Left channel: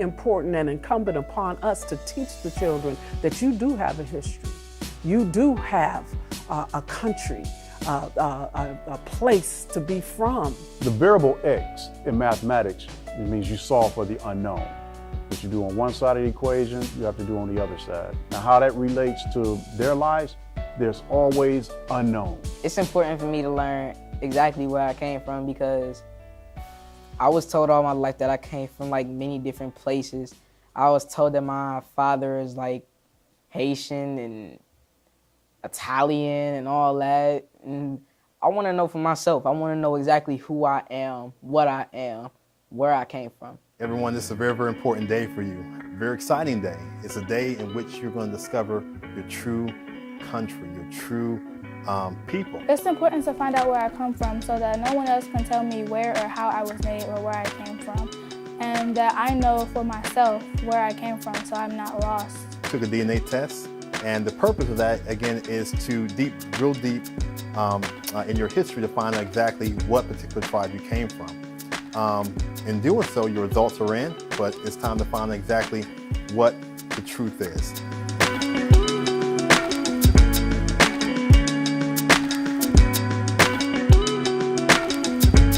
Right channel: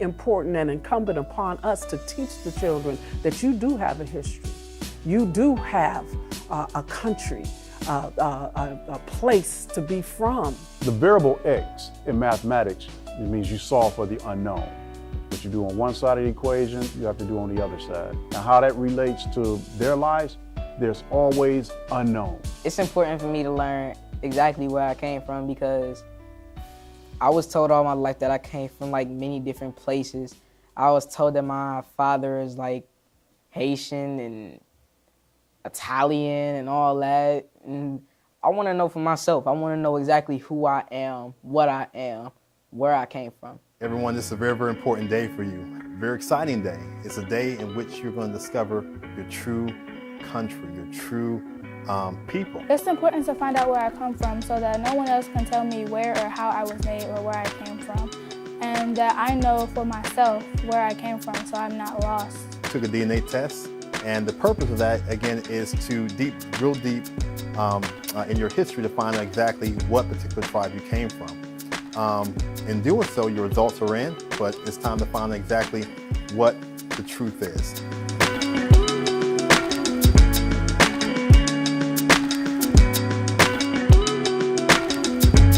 important and incumbent upon us to teach the children that you do have a history. You do have a country, a place to be from. The variable X in mathematics, it means you solve for the unknown. What you do on one side of the equation, you have to do on the other side. Now how that relates to their lives, there's always unknown. It's important for me to learn exactly where I came from, because I was told all my life that I came from like many different places. I was told that my father is like Haitian and Italian and all that. And I want to know for myself. I want to know exactly who I am, what I am, where I came from. Everyone, this is a very, very important day for you. Very exciting day. It's a day in which you're going to discover your true country, your true people. It's important to find out where I come from so that no one else can tell me where or how I was made or where I came from. And that I know for myself where I came from so I'm not lost. Took a DNA test, and the purpose of that, again, is to real deep in your history to find out exactly what particular tribe you came from. In doing so, your results are in, but it's time to find exactly what the truth is.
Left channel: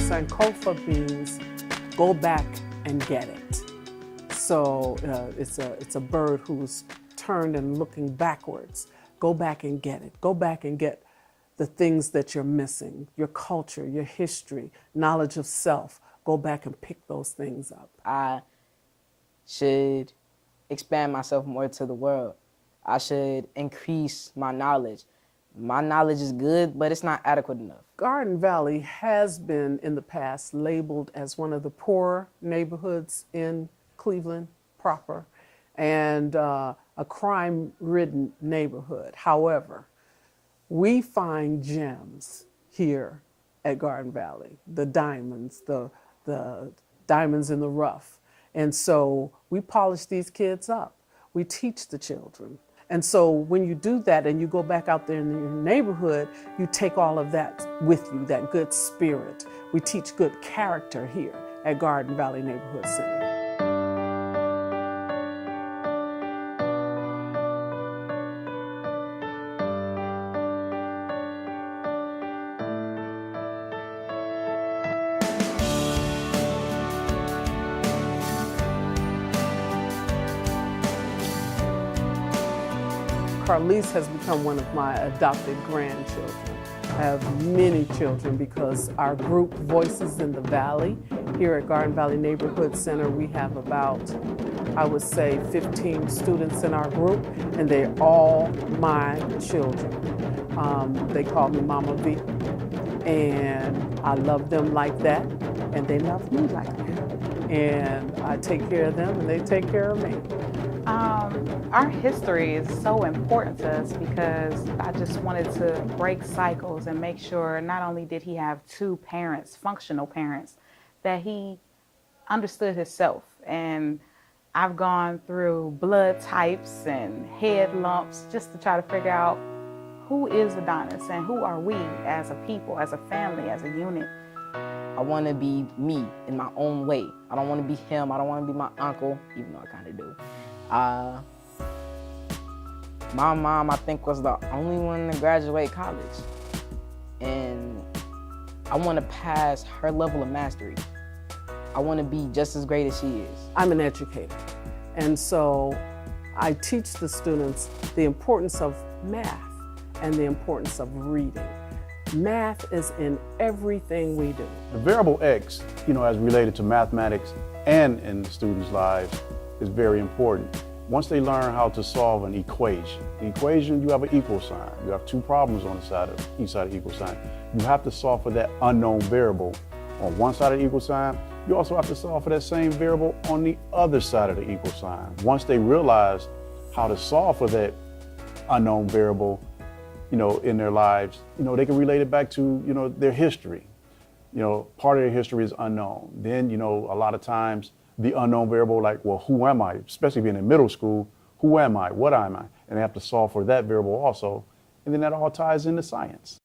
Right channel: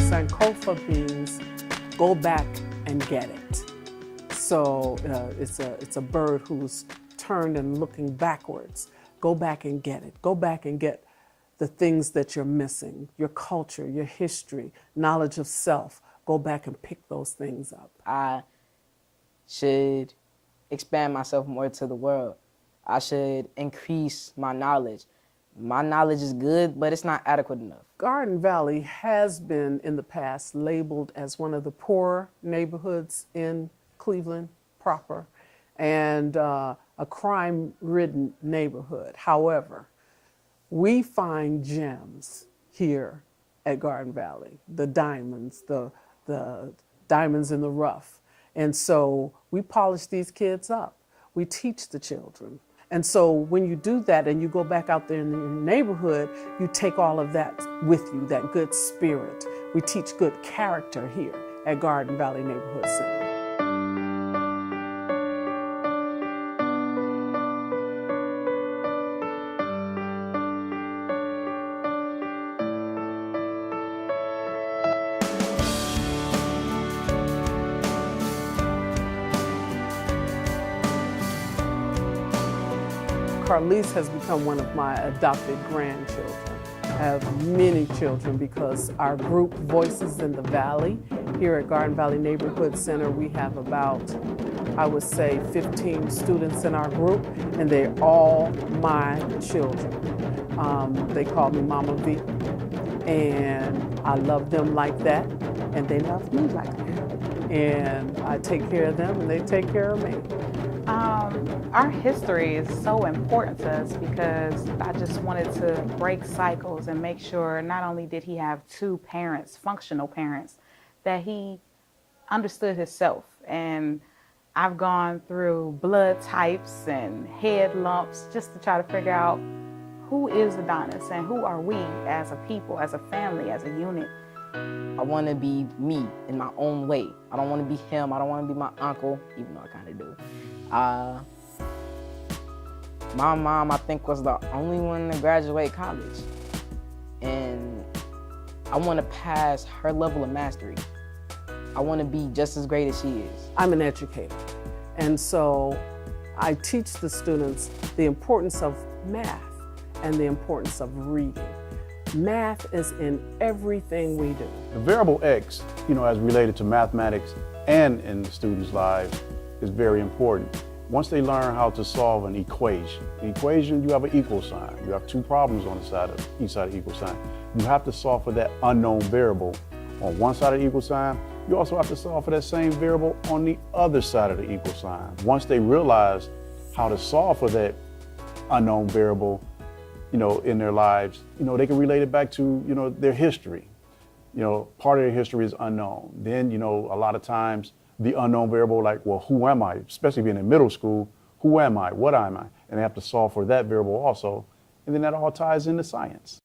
Sankofa means go back and get it. So it's a bird who's turned and looking backwards. Go back and get it. Go back and get the things that you're missing, your culture, your history, knowledge of self. Go back and pick those things up. I should expand myself more to the world. I should increase my knowledge. My knowledge is good, but it's not adequate enough. Garden Valley has been in the past labeled as one of the poorer neighborhoods in Cleveland proper and a crime-ridden neighborhood. However, we find gems here at Garden Valley, the diamonds, the diamonds in the rough. And so we polish these kids up. We teach the children. And so when you do that and you go back out there in your neighborhood, you take all of that with you, that good spirit. We teach good character here at Garden Valley Neighborhood Center. Carlise has become one of my adopted grandchildren. I have many children because our group Voices in the Valley, here at Garden Valley Neighborhood Center, we have about, I would say, 15 students in our group, and they're all my children. They call me Mama V, and I love them like that, and they love me like that. And I take care of them, and they take care of me. Our history is so important to us because I just wanted to break cycles and make sure not only did he have two parents, functional parents, that he understood himself. And I've gone through blood types and head lumps just to try to figure out who is Adonis and who are we as a people, as a family, as a unit. I want to be me in my own way. I don't want to be him. I don't want to be my uncle, even though I kind of do. My mom, I think, was the only one to graduate college. And I want to pass her level of mastery. I want to be just as great as she is. I'm an educator. And so I teach the students the importance of math and the importance of reading. Math is in everything we do. The variable X, as related to mathematics and in the students' lives, is very important. Once they learn how to solve an equation, you have an equal sign. You have two problems on the side of each side of the equal sign. You have to solve for that unknown variable on one side of the equal sign. You also have to solve for that same variable on the other side of the equal sign. Once they realize how to solve for that unknown variable, in their lives, they can relate it back to, their history. Part of their history is unknown. Then, a lot of times, the unknown variable, like, well, who am I? Especially being in middle school, who am I? What am I? And they have to solve for that variable also. And then that all ties into science.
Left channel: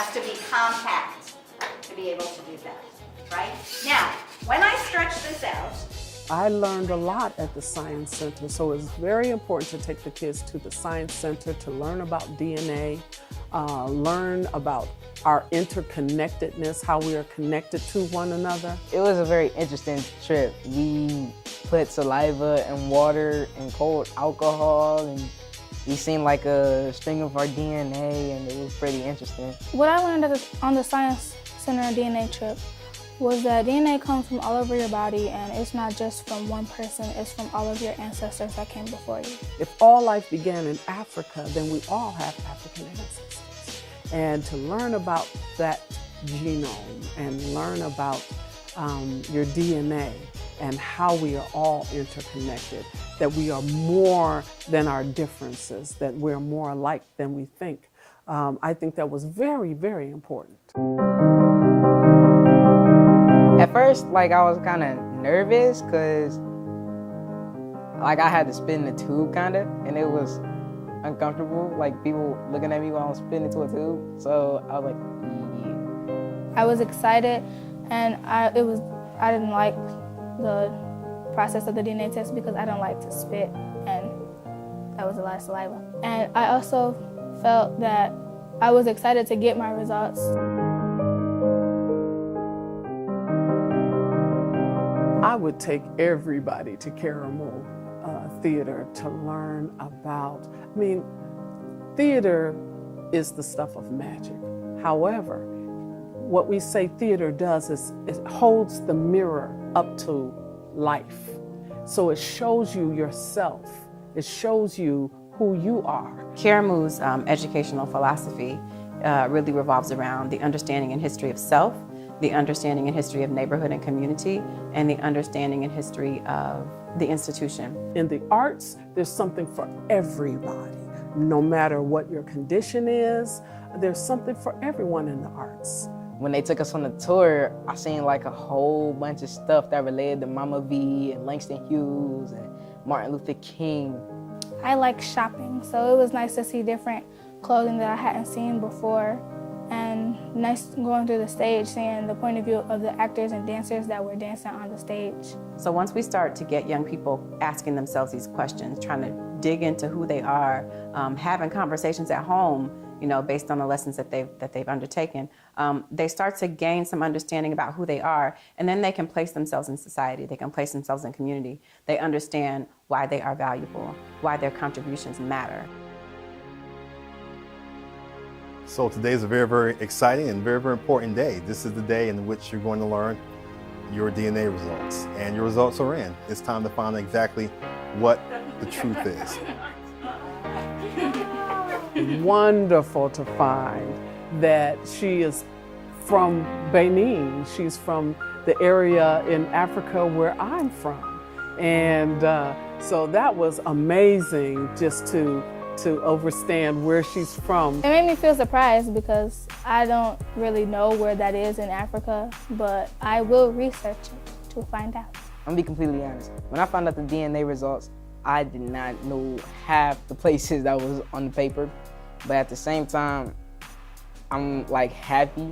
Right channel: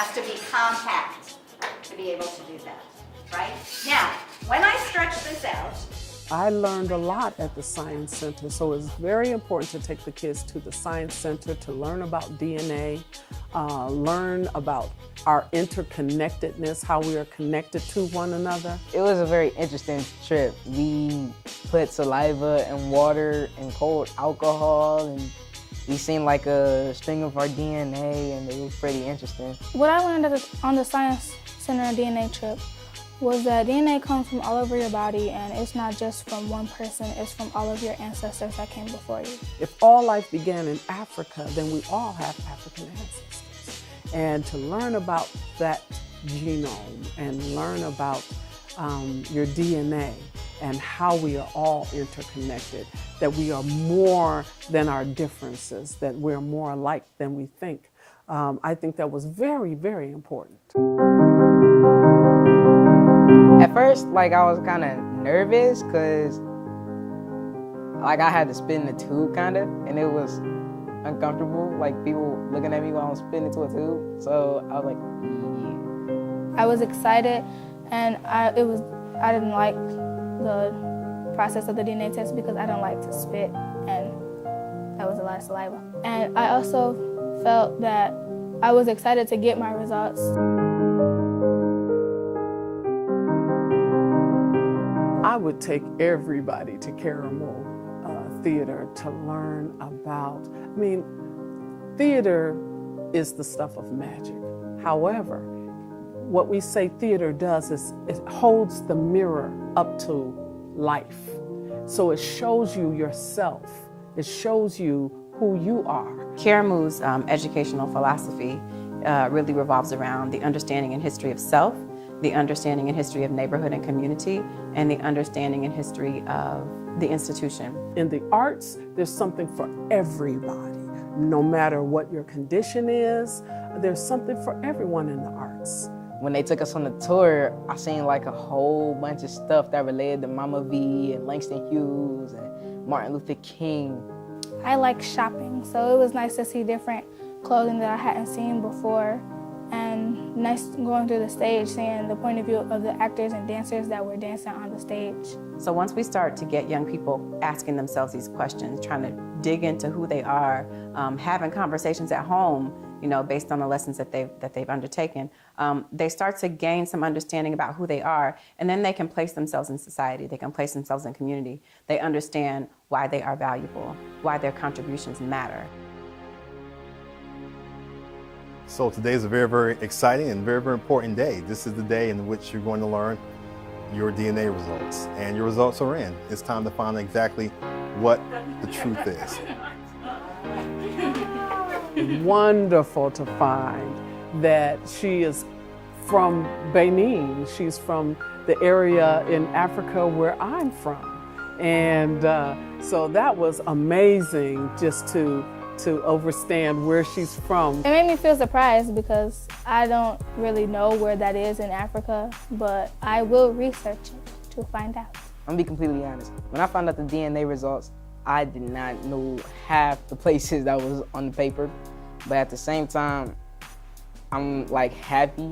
has to be compact to be able to do that, right? Now, when I stretch this out, I learned a lot at the Science Center, so it's very important to take the kids to the Science Center to learn about DNA, learn about our interconnectedness, how we are connected to one another. It was a very interesting trip. We put saliva and water and cold alcohol, and we seen like a string of our DNA, and it was pretty interesting. What I learned on the Science Center DNA trip was that DNA comes from all over your body, and it's not just from one person, it's from all of your ancestors that came before you. If all life began in Africa, then we all have African ancestors. And to learn about that genome and learn about your DNA and how we are all interconnected, that we are more than our differences, that we're more alike than we think. I think that was very, very important. At first, like, I was kind of nervous because, like, I had to spin the tube kind of, and it was uncomfortable, like people looking at me while I'm spinning into a tube. So I was like, yeah. I was excited, and I didn't like the process of the DNA test because I don't like to spit, and that was a lot of saliva. And I also felt that I was excited to get my results. I would take everybody to Caramel Theater to learn about, theater is the stuff of magic. However, what we say theater does is it holds the mirror up to life. So it shows you yourself. It shows you who you are. Caramu's educational philosophy really revolves around the understanding and history of self, the understanding and history of neighborhood and community, and the understanding and history of the institution. In the arts, there's something for everybody. No matter what your condition is, there's something for everyone in the arts. When they took us on the tour, I seen like a whole bunch of stuff that related to Mama V and Langston Hughes and Martin Luther King. I like shopping, so it was nice to see different clothing that I hadn't seen before, and nice going through the stage, seeing the point of view of the actors and dancers that were dancing on the stage. So once we start to get young people asking themselves these questions, trying to dig into who they are, having conversations at home, based on the lessons that they've undertaken, they start to gain some understanding about who they are, and then they can place themselves in society. They can place themselves in community. They understand why they are valuable, why their contributions matter. So today is a very, very exciting and very, very important day. This is the day in which you're going to learn your DNA results, and your results are in. It's time to find exactly what the truth is. Wonderful to find that she is from Benin. She's from the area in Africa where I'm from. And so that was amazing just to understand where she's from. It made me feel surprised because I don't really know where that is in Africa, but I will research it to find out. I'm gonna be completely honest. When I found out the DNA results, I did not know half the places that was on the paper, but at the same time, I'm like happy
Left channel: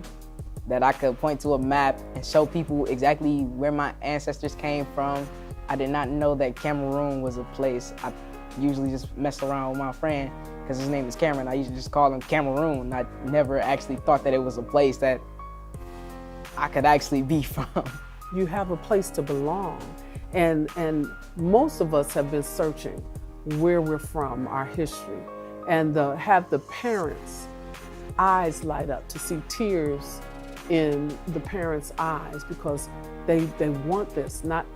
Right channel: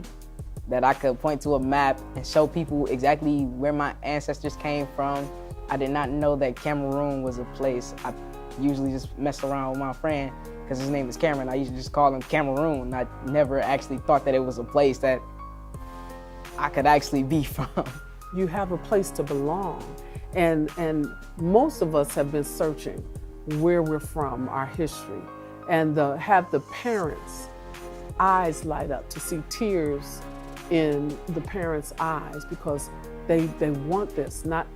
that I could point to a map and show people exactly where my ancestors came from. I did not know that Cameroon was a place. I usually just mess around with my friend because his name is Cameron. I used to just call him Cameroon. I never actually thought that it was a place that I could actually be from. You have a place to belong. And most of us have been searching where we're from, our history, and have the parents' eyes light up to see tears in the parents' eyes because they want this, not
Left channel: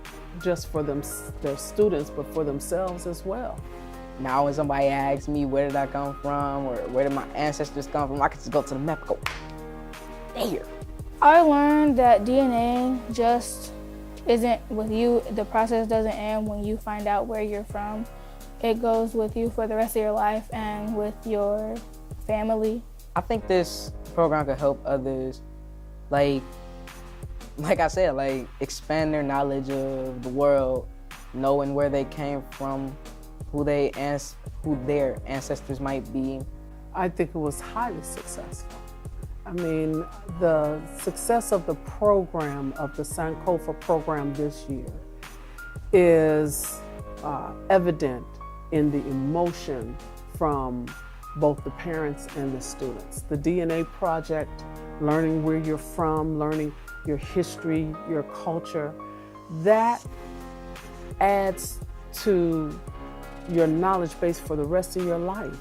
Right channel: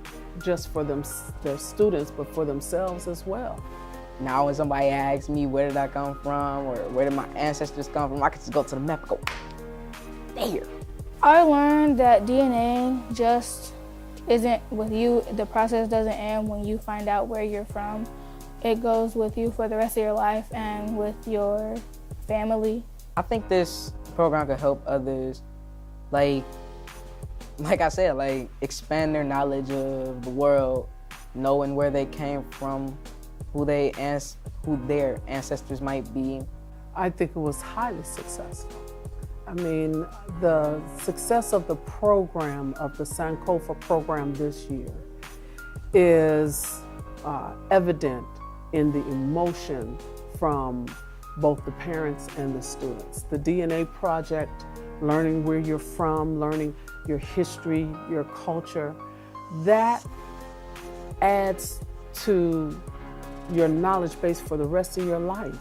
just for them, their students, but for themselves as well. Now when somebody asks me where did I come from or where did my ancestors come from, I can just go to the map and go, there. I learned that DNA just isn't with you. The process doesn't end when you find out where you're from. It goes with you for the rest of your life and with your family. I think this program could help others, like I said, like expand their knowledge of the world, knowing where they came from, who their ancestors might be. I think it was highly successful. I mean, the success of the program, of the Sankofa program this year, is evident in the emotion from both the parents and the students. The DNA project, learning where you're from, learning your history, your culture, that adds to your knowledge base for the rest of your life.